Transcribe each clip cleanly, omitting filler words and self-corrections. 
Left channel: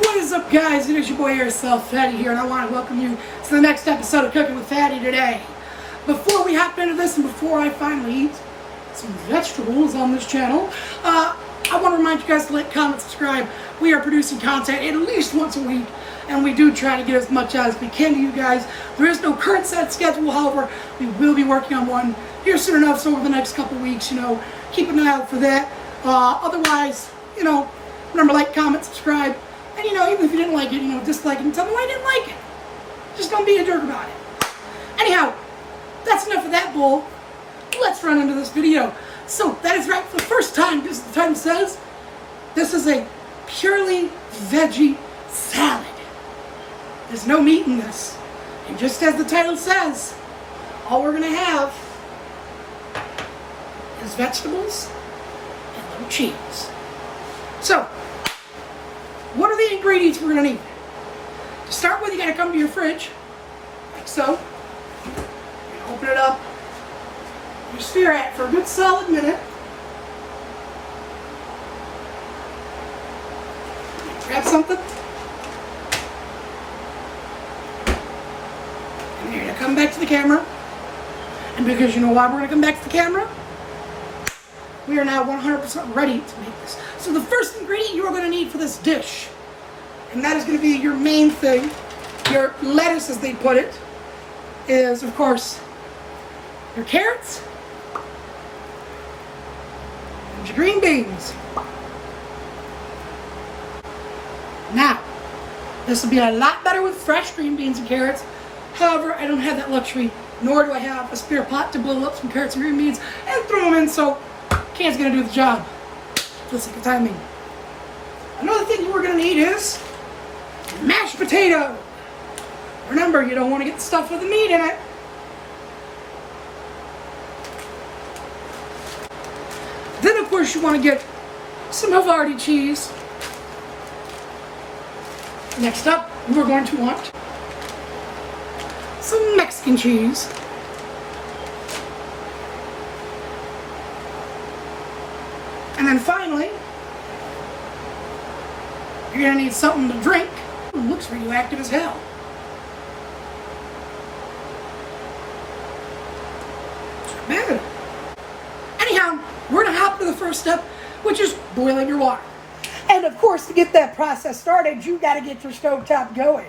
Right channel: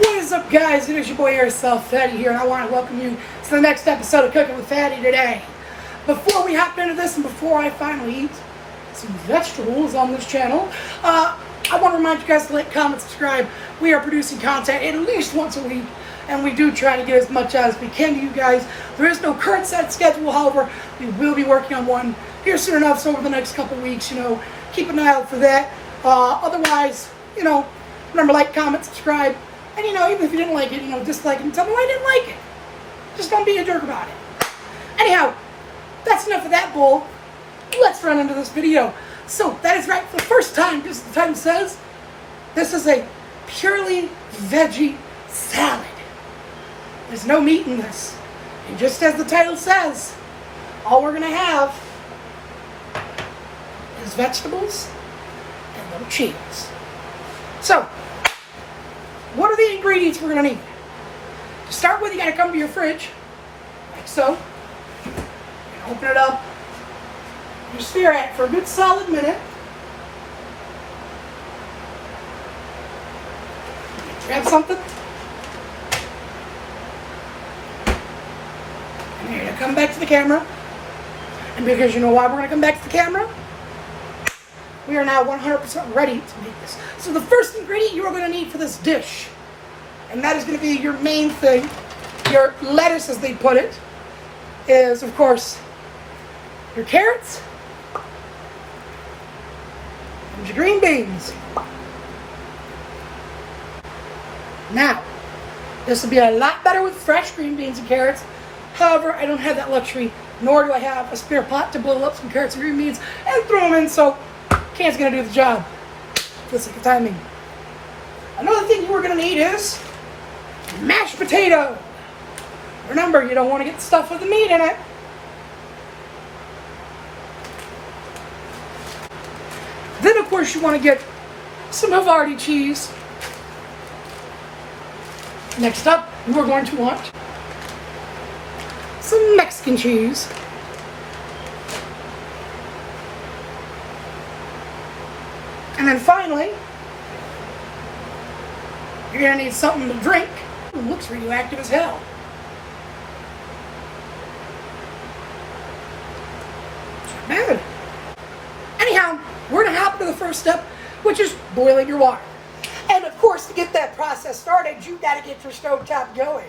What is up, guys? It is your boy Airsoftfatty here, and I want to welcome you to the next episode of Cooking with Fatty today. Before we hop into this, and before I finally eat some vegetables on this channel, I want to remind you guys to like, comment, subscribe. We are producing content at least once a week, and we do try to get as much as we can to you guys. There is no current set schedule, however, we will be working on one here soon enough, so over the next couple weeks, keep an eye out for that. Otherwise, remember, like, comment, subscribe. And even if you didn't like it, dislike it and tell me why you didn't like it. Just don't be a jerk about it. Anyhow, that's enough of that bull. Let's run into this video. So, that is right, for the first time, as the title says, this is a purely veggie salad. There's no meat in this. And just as the title says, all we're going to have is vegetables and no cheese. So, what are the ingredients we're going to need? To start with, you got to come to your fridge, like so. You're going to open it up. You stare at it for a good solid minute. Grab something. And you're going to come back to the camera. And because you know why we're going to come back to the camera? We are now 100% ready to make this. So the first ingredient you are going to need for this dish, and that is going to be your main thing, your lettuce as they put it, is of course your carrots and your green beans. Now, this will be a lot better with fresh green beans and carrots. However, I don't have that luxury, nor do I have a spare pot to blow up some carrots and green beans and throw them in, so can's gonna do the job. Just like the timing. Another thing you are gonna need is mashed potato. Remember, you don't want to get the stuff with the meat in it. Then, of course, you want to get some Havarti cheese. Next up, we're going to want some Mexican cheese. And then finally, you're going to need something to drink. It looks radioactive as hell. It's not bad. Anyhow, we're going to hop to the first step, which is boiling your water. And of course, to get that process started, you got to get your stove top going.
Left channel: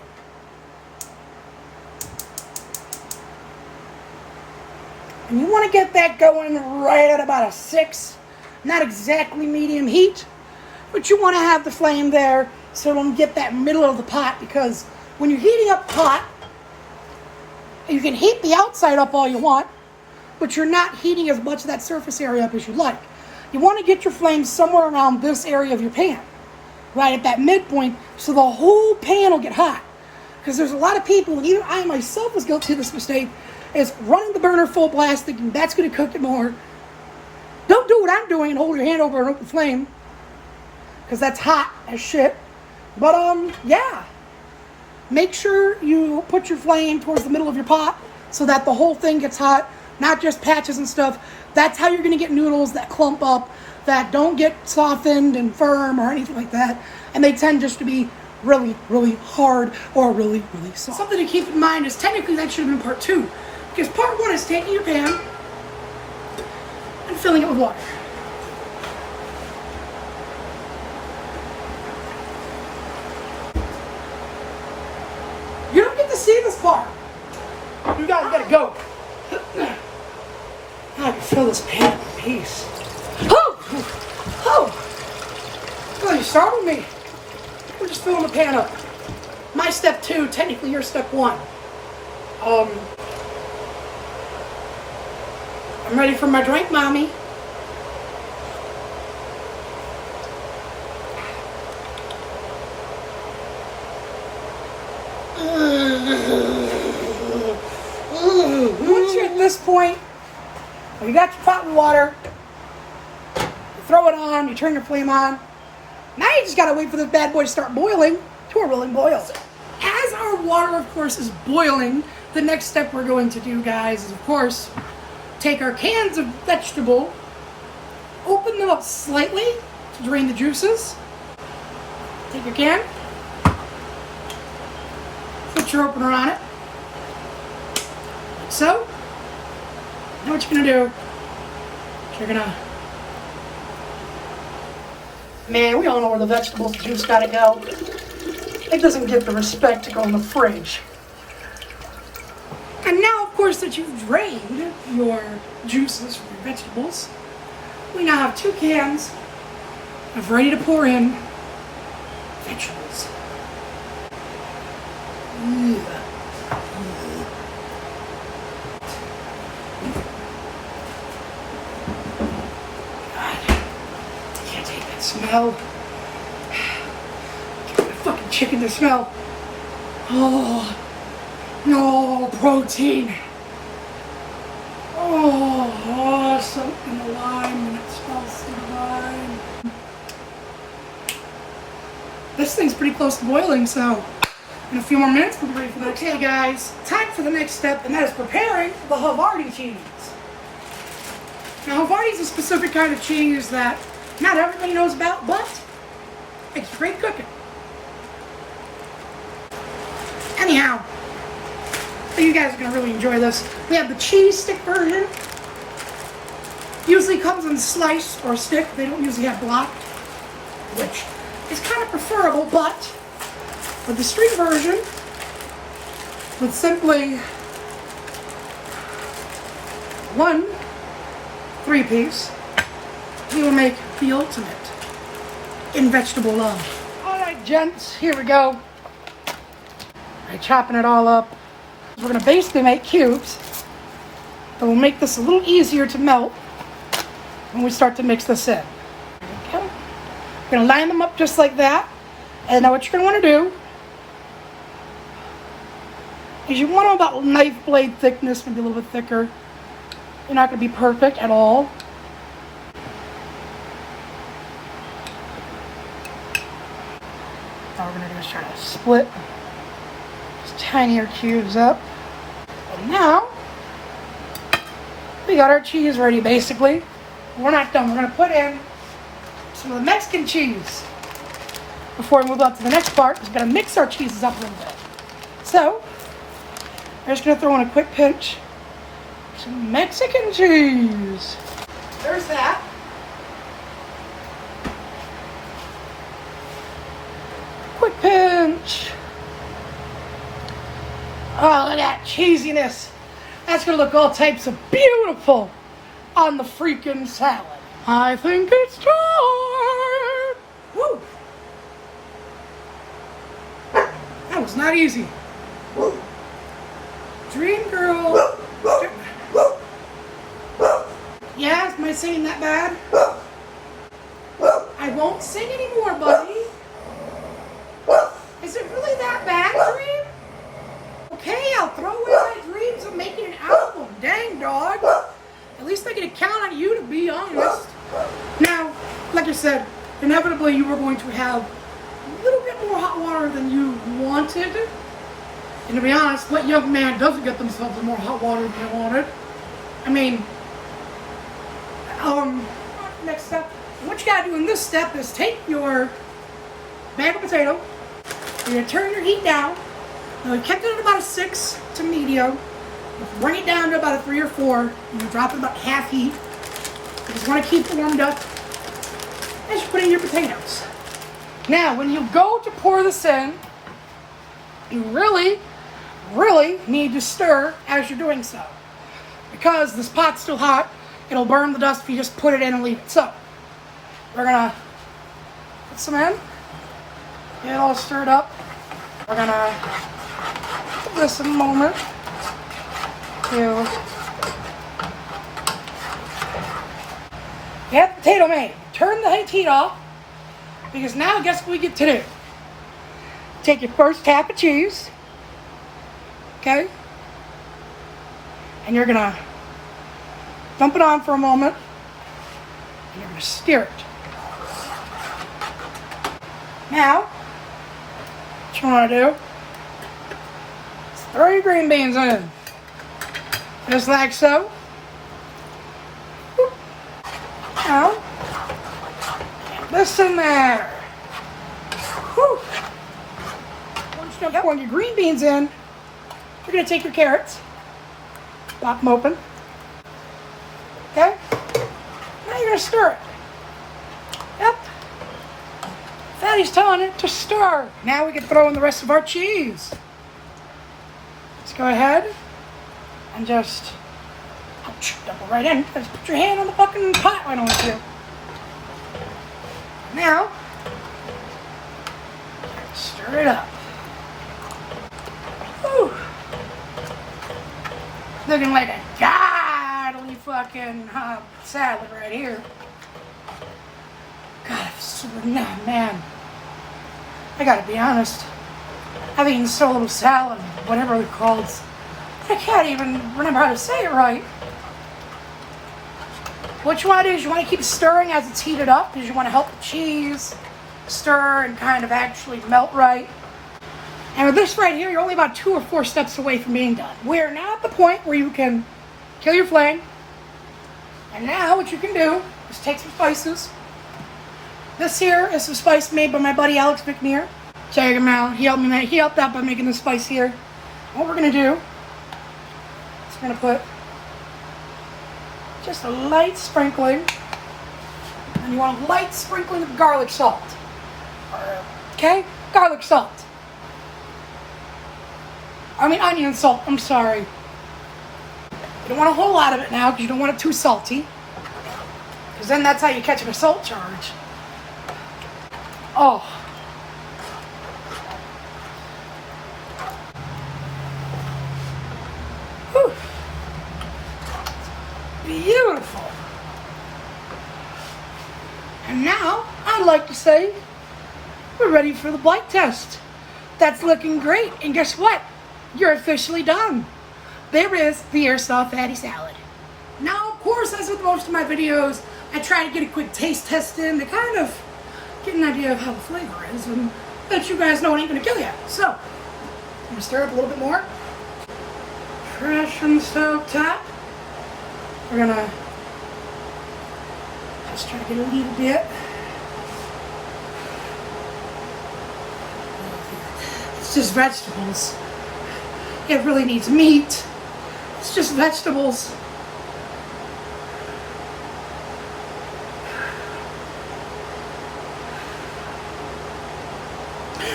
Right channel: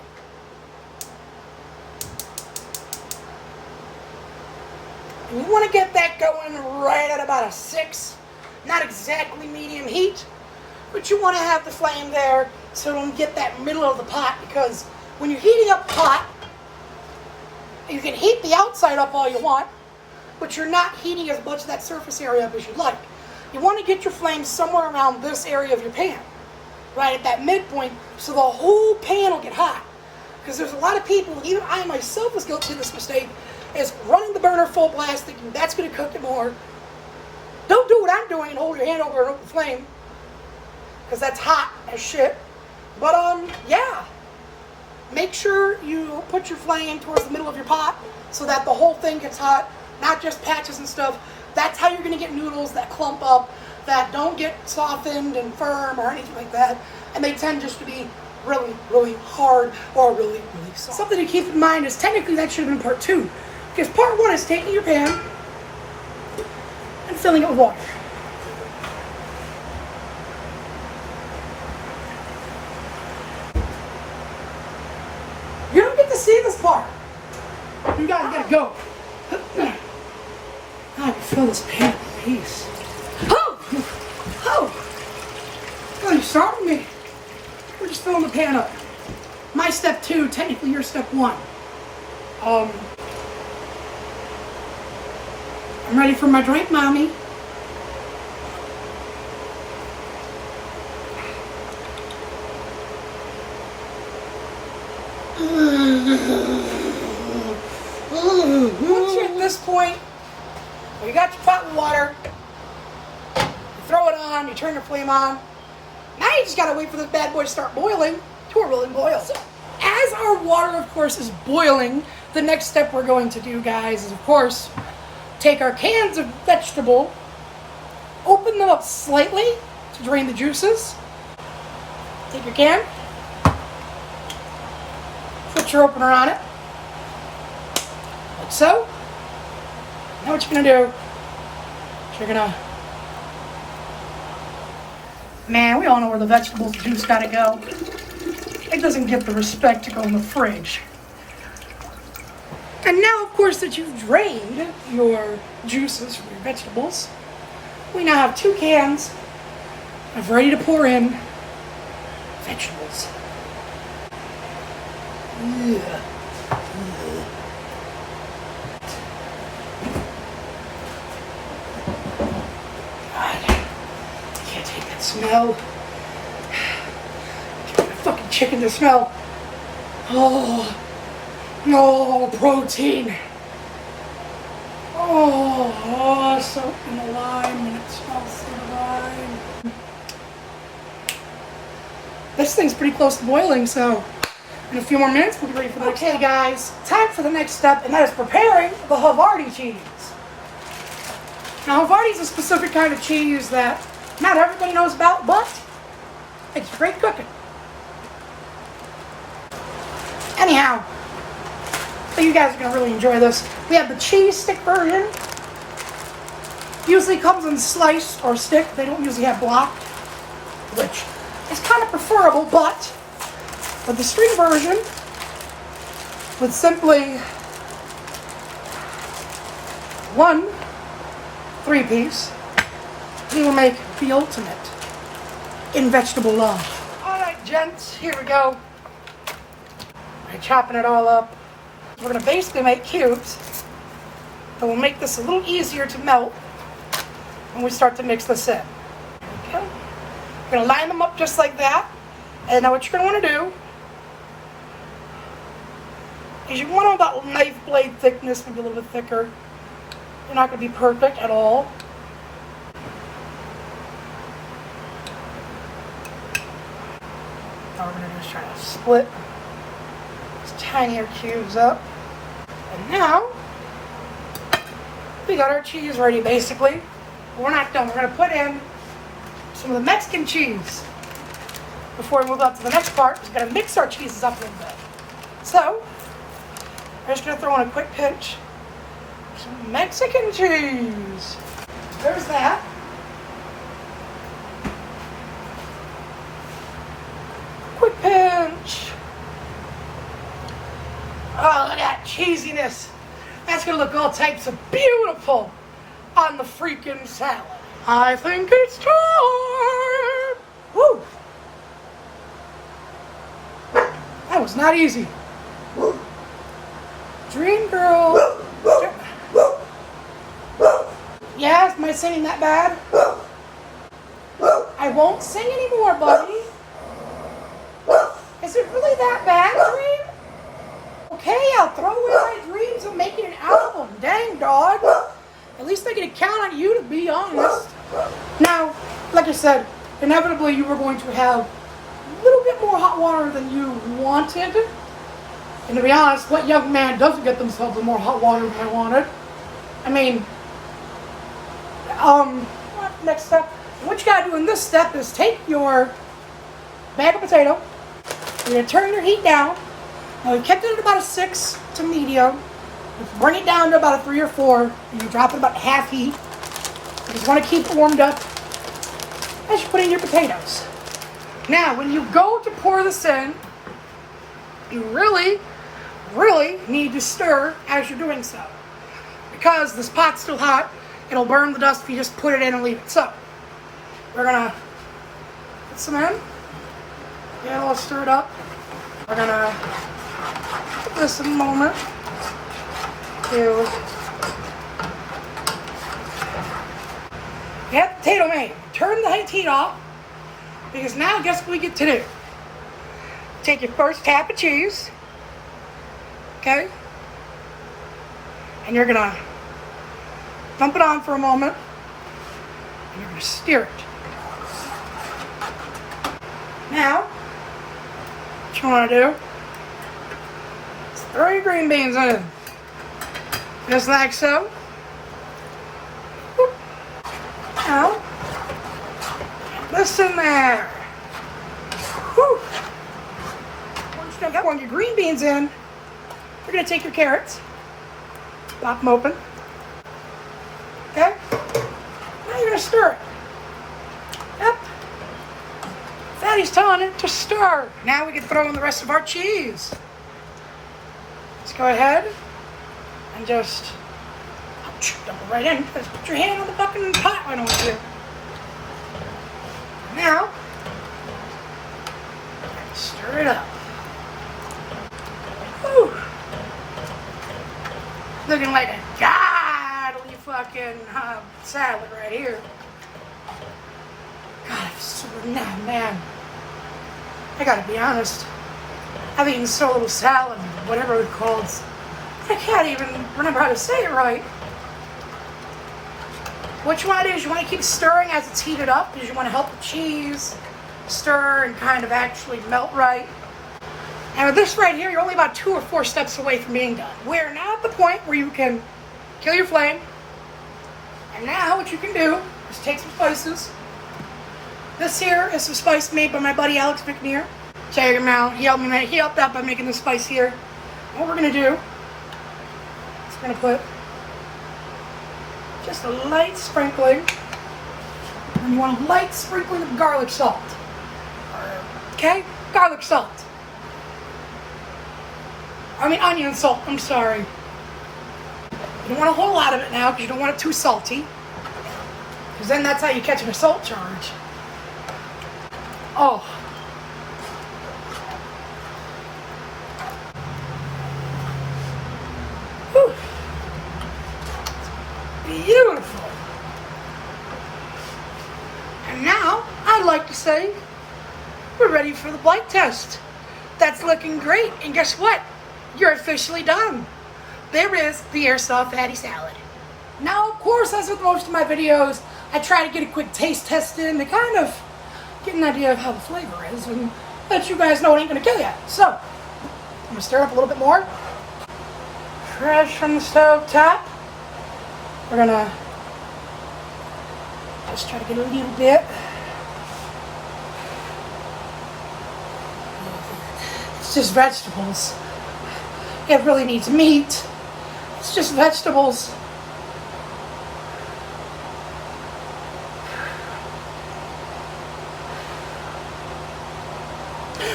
And you want to get that going right at about a 6. Not exactly medium heat, but you want to have the flame there so don't get that middle of the pot, because when you're heating up pot, you can heat the outside up all you want, but you're not heating as much of that surface area up as you'd like. You want to get your flame somewhere around this area of your pan, right at that midpoint, so the whole pan will get hot. Because there's a lot of people, even I myself was guilty of this mistake, is running the burner full blast thinking that's going to cook it more. Don't do what I'm doing and hold your hand over an open flame, because that's hot as shit. But yeah, make sure you put your flame towards the middle of your pot so that the whole thing gets hot, not just patches and stuff. That's how you're going to get noodles that clump up, that don't get softened and firm or anything like that, and they tend just to be really, really hard or really, really soft. Something to keep in mind is technically that should have been part 2, because part 1 is taking your pan and filling it with water. You don't get to see this part. You guys gotta go. I can fill this pan in peace. Oh, you start with me. We're just filling the pan up. My step 2, technically your step 1. I'm ready for my drink, mommy. Once you're at this point, you got your pot with water, you throw it on, you turn your flame on. Now you just gotta wait for this bad boy to start boiling to a rolling boil. So, as our water, of course, is boiling, the next step we're going to do, guys, is, of course, take our cans of vegetable, open them up slightly to drain the juices. Take your can, Put your opener on it. Like so. Now what you're gonna do, you're gonna, man, we all know where the vegetable juice gotta go. It doesn't get the respect to go in the fridge. And now, of course, that you've drained your juices from your vegetables, we now have 2 cans of ready to pour in vegetables. Yeah. God, can't take that smell. Get my fucking chicken to smell. Oh, no protein. Oh, soaked in the lime, and it smells like the lime. This thing's pretty close to boiling, so in a few more minutes we'll be ready for that. Okay, guys, time for the next step, and that is preparing the Havarti cheese. Now, Havarti is a specific kind of cheese that not everybody knows about, but it's great cooking. Anyhow, you guys are going to really enjoy this. We have the cheese stick version. Usually comes in slice or stick. They don't usually have blocked, which is kind of preferable, but for the string version, with simply 1 3-piece, we will make the ultimate in vegetable love. Alright, gents, here we go. I'm chopping it all up. We're going to basically make cubes, but we'll make this a little easier to melt when we start to mix this in. Okay. We're going to line them up just like that. And now what you're going to want to do is you want them about knife blade thickness, maybe a little bit thicker. You're not going to be perfect at all. Now we're going to just try to split these tinier cubes up. And now we got our cheese ready basically. But we're not done. We're going to put in some of the Mexican cheese. Before we move on to the next part, we're going to mix our cheeses up a little bit. So, we're just going to throw in a quick pinch of some Mexican cheese. There's that. Quick pinch. Oh, look at that cheesiness. That's going to look all types of beautiful on the freaking salad. I think it's time. Woo! That was not easy. Dream girl. Yes, am I singing that bad? I won't sing anymore, buddy. Is it really that bad, Dream? Okay, I'll throw away my dreams of making an album. Dang, dog. At least I can count on you, to be honest. Now, like I said, inevitably you were going to have a little bit more hot water than you wanted. And to be honest, what young man doesn't get themselves more hot water than they wanted? I mean, next step. What you gotta do in this step is take your bag of potato, you're gonna turn your heat down. Now we've kept it at about a 6 to medium. Bring it down to about a 3 or 4. And you drop it about half heat. You just want to keep it warmed up as you put in your potatoes. Now, when you go to pour this in, you really need to stir as you're doing so. Because this pot's still hot, it'll burn the dust if you just put it in and leave it. So, we're gonna put some in, get it all stirred up. We're gonna give this a moment to get the potato made. Turn the heat off, because now guess what we get to do? Take your first tap of cheese, okay? And you're gonna dump it on for a moment, and you're gonna stir it. Now, what you wanna do is throw your green beans in. Just like so. Now, this in there. Whew. done pouring your green beans in, you're going to take your carrots, pop them open. Okay? Now you're going to stir it. Yep. Fatty's telling it to stir. Now we can throw in the rest of our cheese. Let's go ahead and just dump it right in. Just put your hand on the fucking pot right over here. Now, stir it up. Whew. Looking like a godly fucking salad right here. God, so man. I gotta be honest. I've eaten so little salad, whatever it calls. I can't even remember how to say it right. What you want to do is you want to keep stirring as it's heated up because you want to help the cheese stir and kind of actually melt right. And with this right here, you're only about 2 or 4 steps away from being done. We're now at the point where you can kill your flame. And now what you can do is take some spices. This here is some spice made by my buddy Alex McNear. Check him out. He helped out by making the spice here. What we're going to do is we're going to put just a light sprinkling. And you want a light sprinkling of garlic salt. Okay? Garlic salt. I mean onion salt, I'm sorry. You don't want a whole lot of it now because you don't want it too salty. Because then that's how you catch a salt charge. Oh. Whew. Beautiful. And now, I'd like to say, we're ready for the blight test. That's looking great. And guess what? You're officially done. There is the Airsoftfatty salad. Now, of course, as with most of my videos, I try to get a quick taste test in to kind of get an idea of how the flavor is and let you guys know it ain't gonna kill you. So, I'm gonna stir up a little bit more. Fresh from the stove top. We're gonna just try to get a little bit. It's just vegetables. It really needs meat. It's just vegetables.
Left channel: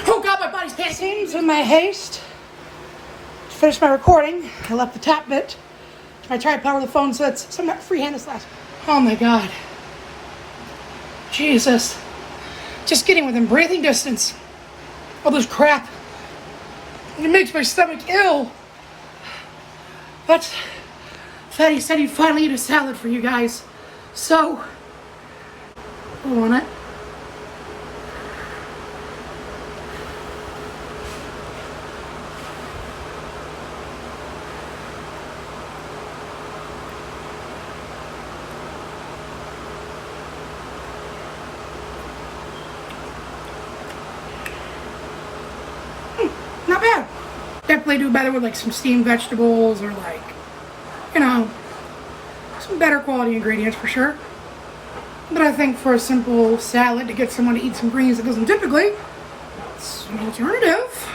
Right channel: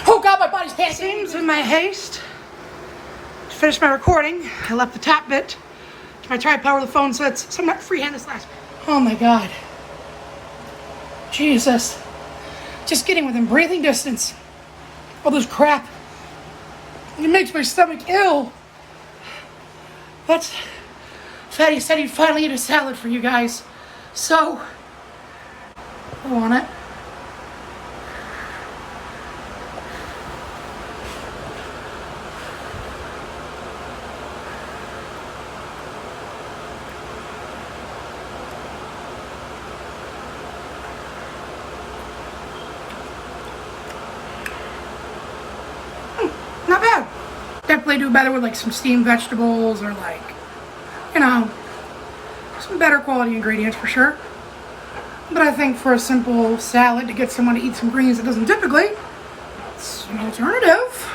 Oh God, my body's panicking. Seems in my haste to finish my recording, I left the top bit. I tried to power the phone so I'm not freehanded slash. Oh my God. Jesus. Just getting within breathing distance. All this crap. It makes my stomach ill. But Fatty said he'd finally eat a salad for you guys. So, I want it. Not bad. Definitely do better with like some steamed vegetables or like, you know, some better quality ingredients for sure. But I think for a simple salad to get someone to eat some greens that doesn't typically, it's an alternative.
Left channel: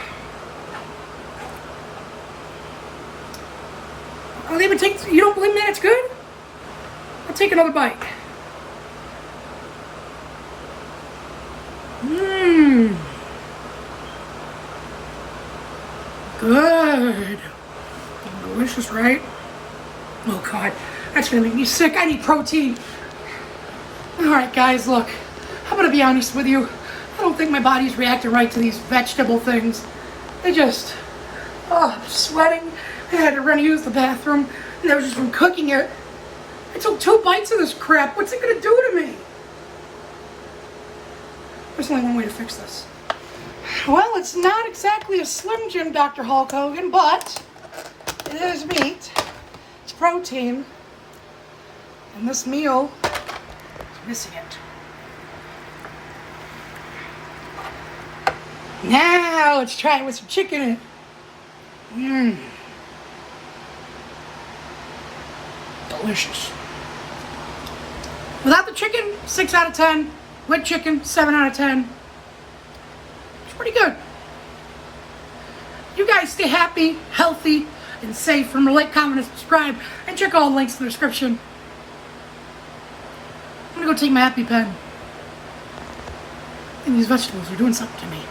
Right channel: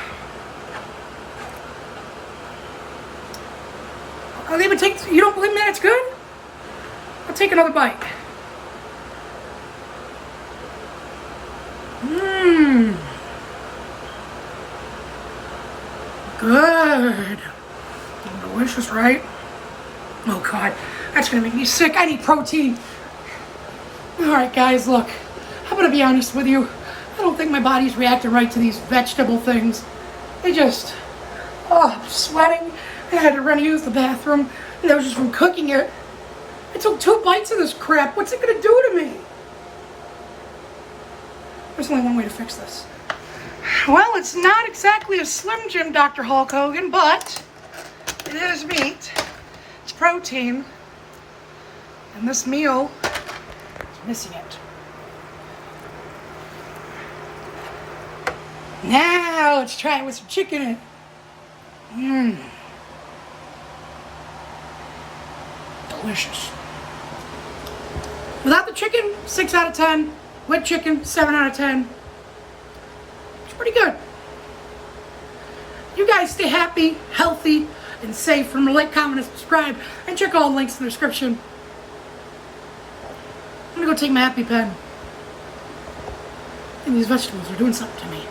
I'll even take, you don't believe me that it's good? I'll take another bite. Mmm. Good. Delicious, right? Oh God, that's gonna make me sick. I need protein. Alright guys, look, I'm gonna be honest with you. I don't think my body's reacting right to these vegetable things. They just, I'm sweating. I had to run to use the bathroom. And that was just from cooking it. I took 2 bites of this crap. What's it gonna do to me? There's only one way to fix this. Well, it's not exactly a Slim Jim, Dr. Hulk Hogan, but it is meat. It's protein. And this meal is missing it. Now let's try it with some chicken in it. Mmm. Delicious. Without the chicken, 6 out of 10. With chicken, 7 out of 10. It's pretty good. guys stay happy, healthy, and safe. Remember, like, comment, and subscribe. And check all the links in the description. I'm gonna go take my happy pen. And these vegetables are doing something to me.